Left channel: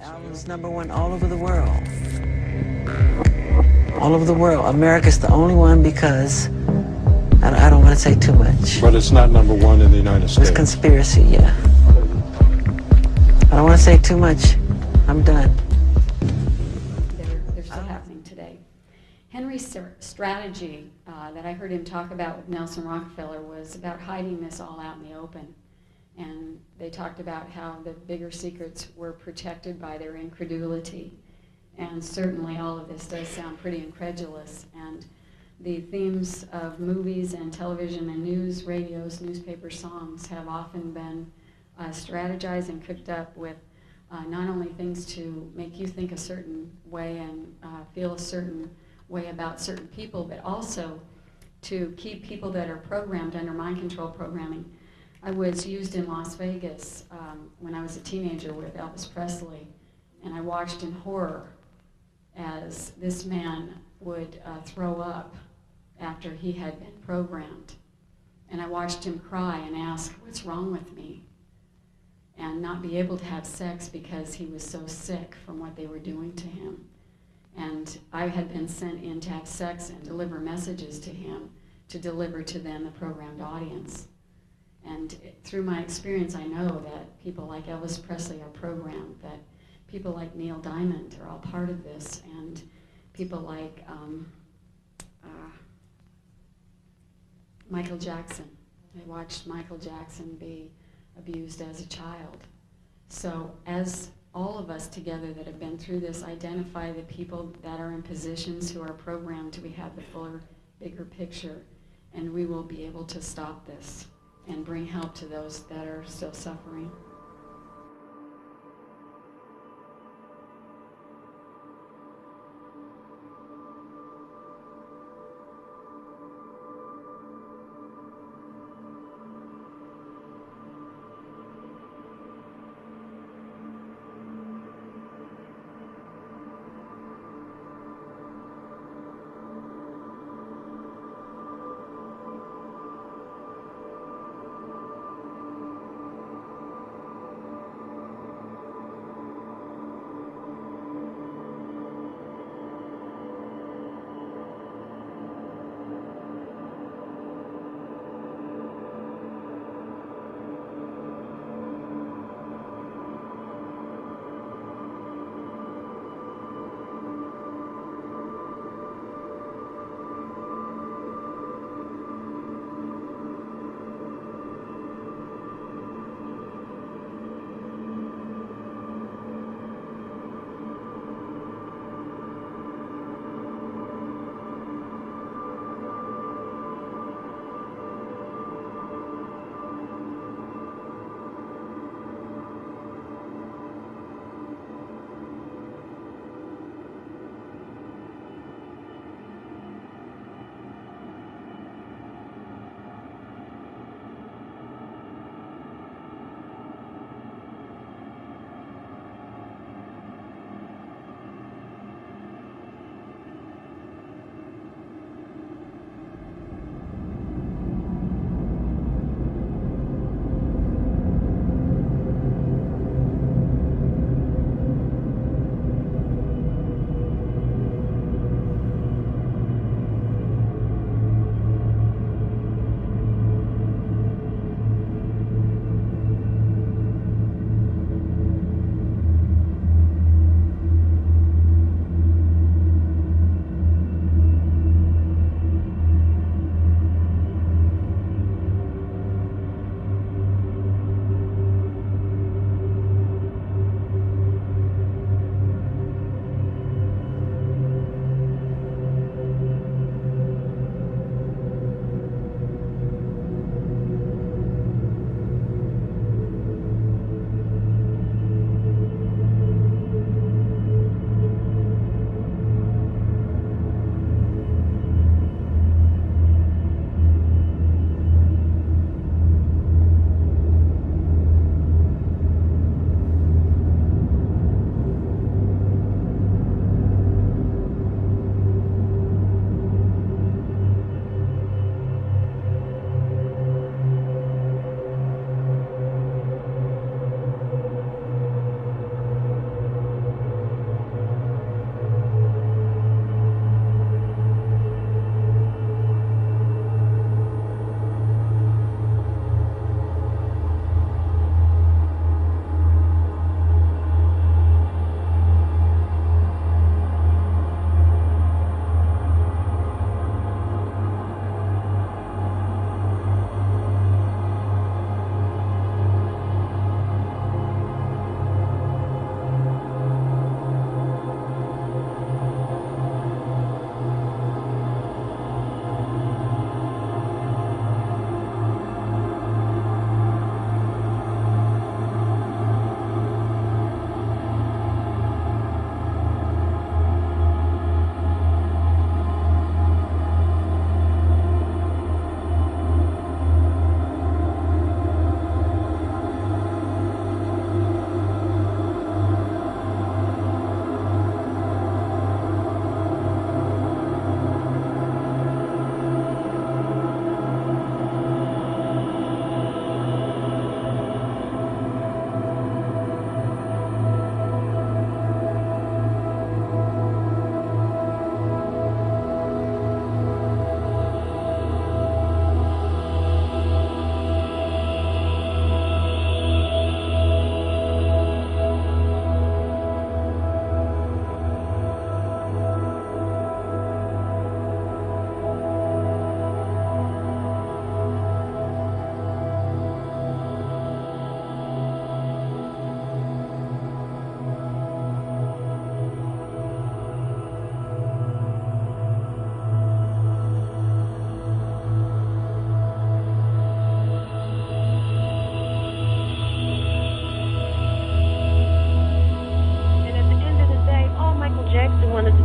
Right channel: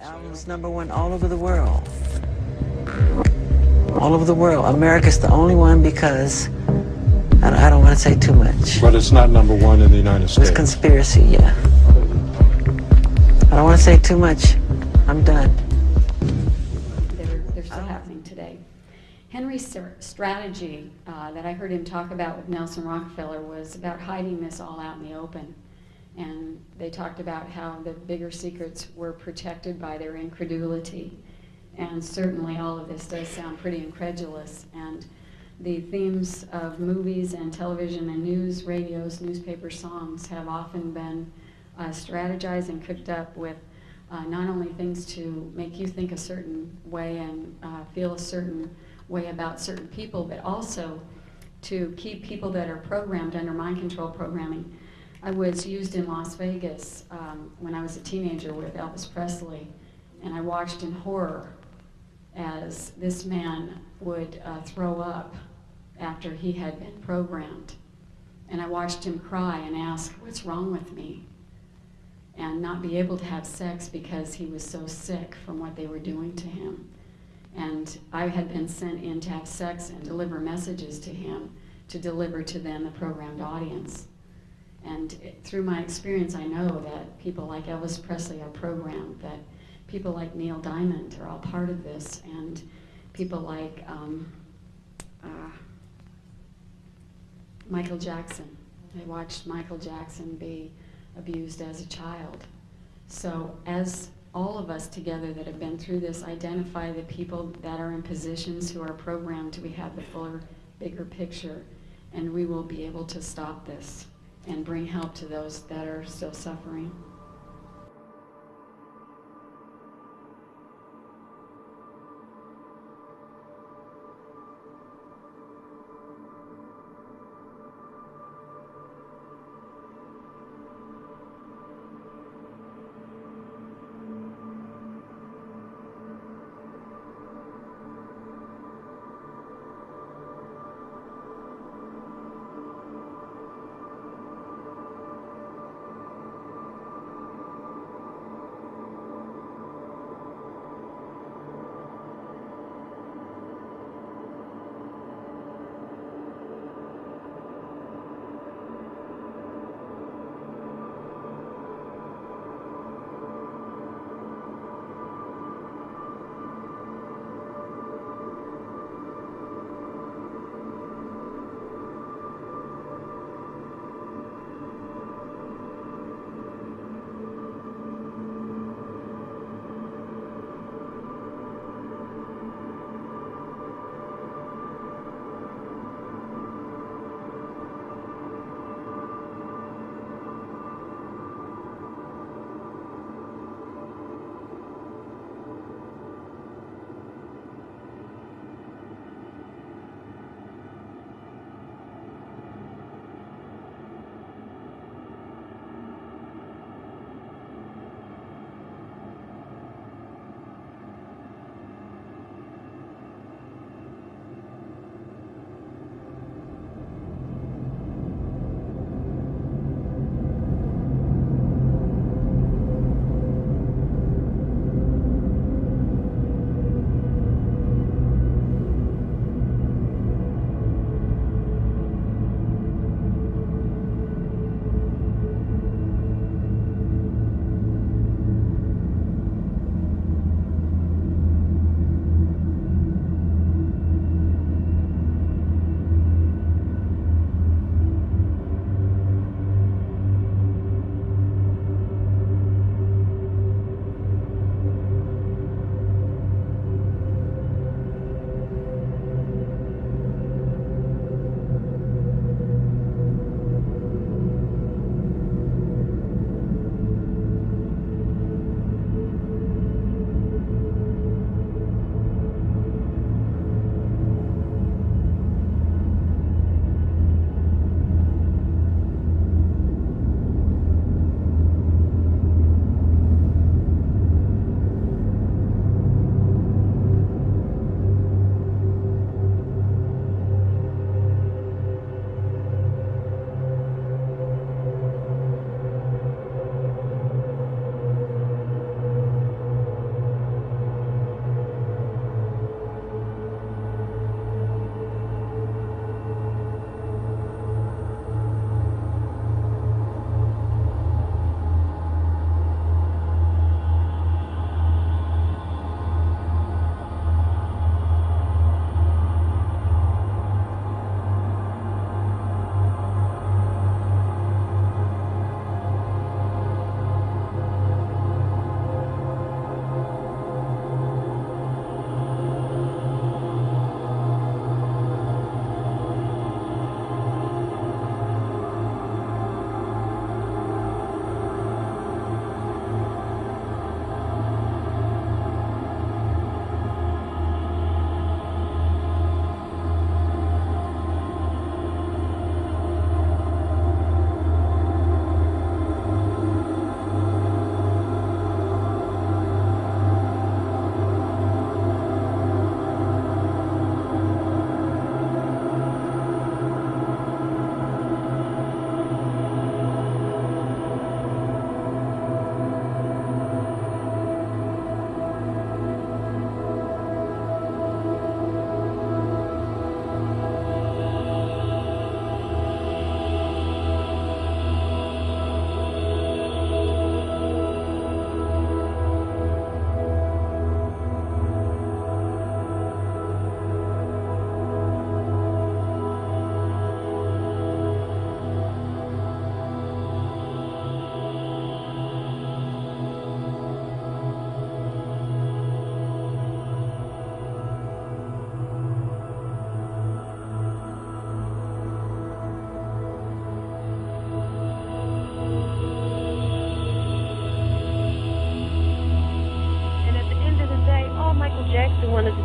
Album's #1 all over the world. All over the world. America's the only one because I don't want to say too much. But it's not #1 in the United States. It's conspiracy, yeah. I don't want to say too much. I'm done. They're still happening today. Henry's strategy that I heard him talk about with Nelson Rockefeller was about hiding this all out in the open. And they talked about how the bigger secrets were protected by their incredulity. And certainly all of this does sound pretty incredulous. And the themes of movies and television and news, radios, newspaper songs have often been strategized and cooked up with not only things to make you think a certain way and feel a certain way about certain people, but also to keep people that are programmed under mind control programming. I was used in Las Vegas when I was a teenager with Elvis Presley, and I watched in horror as this man would throw up after he had been programmed. And I watched him cry and ask, "What's wrong with me?" And not be able to have sex because he was so sick from what they were doing to him. And I had been sent in to have sex and deliver messages to him, to deliver to them, the programmed audience. And through my experience, I know that people like Elvis Presley are programmed, that people like Neil Diamond are all part of this, and people like Michael Jackson. I watched Michael Jackson be abused as a child. So as all of us together that have been through this identify the people that are in positions who are programmed, we have the fuller, bigger picture, and we will be able to stop this and bring help to those that are still suffering.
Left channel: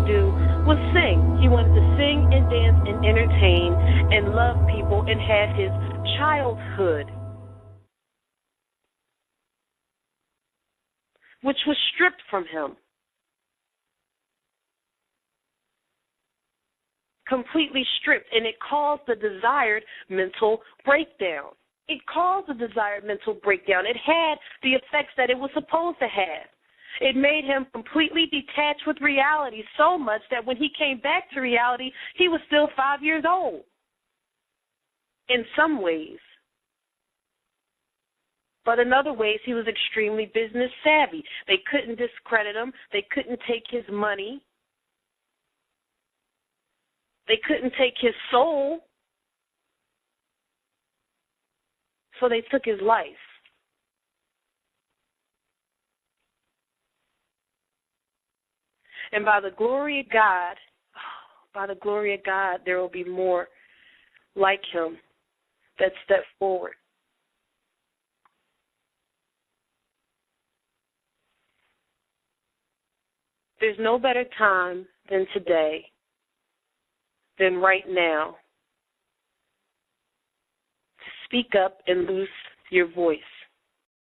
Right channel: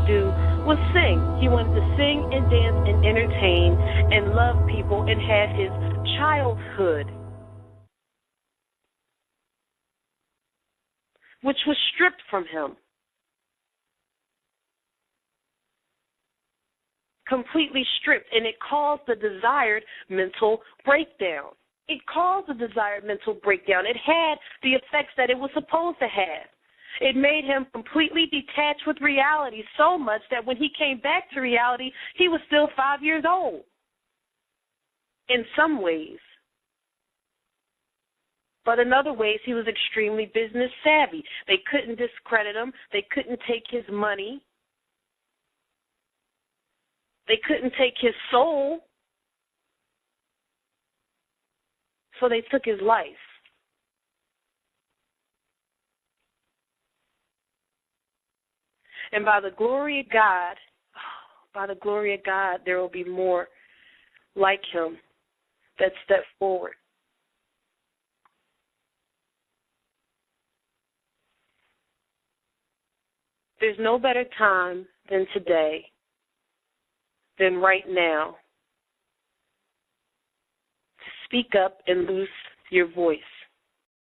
do was sing. He wanted to sing and dance and entertain and love people and had his childhood, which was stripped from him. Completely stripped, and it caused the desired mental breakdown. It caused the desired mental breakdown. It had the effects that it was supposed to have. It made him completely detached with reality so much that when he came back to reality, he was still 5 years old in some ways. But in other ways, he was extremely business savvy. They couldn't discredit him. They couldn't take his money. They couldn't take his soul. So they took his life. And by the glory of God, there will be more like him that step forward. There's no better time than today, than right now, to speak up and loose your voice.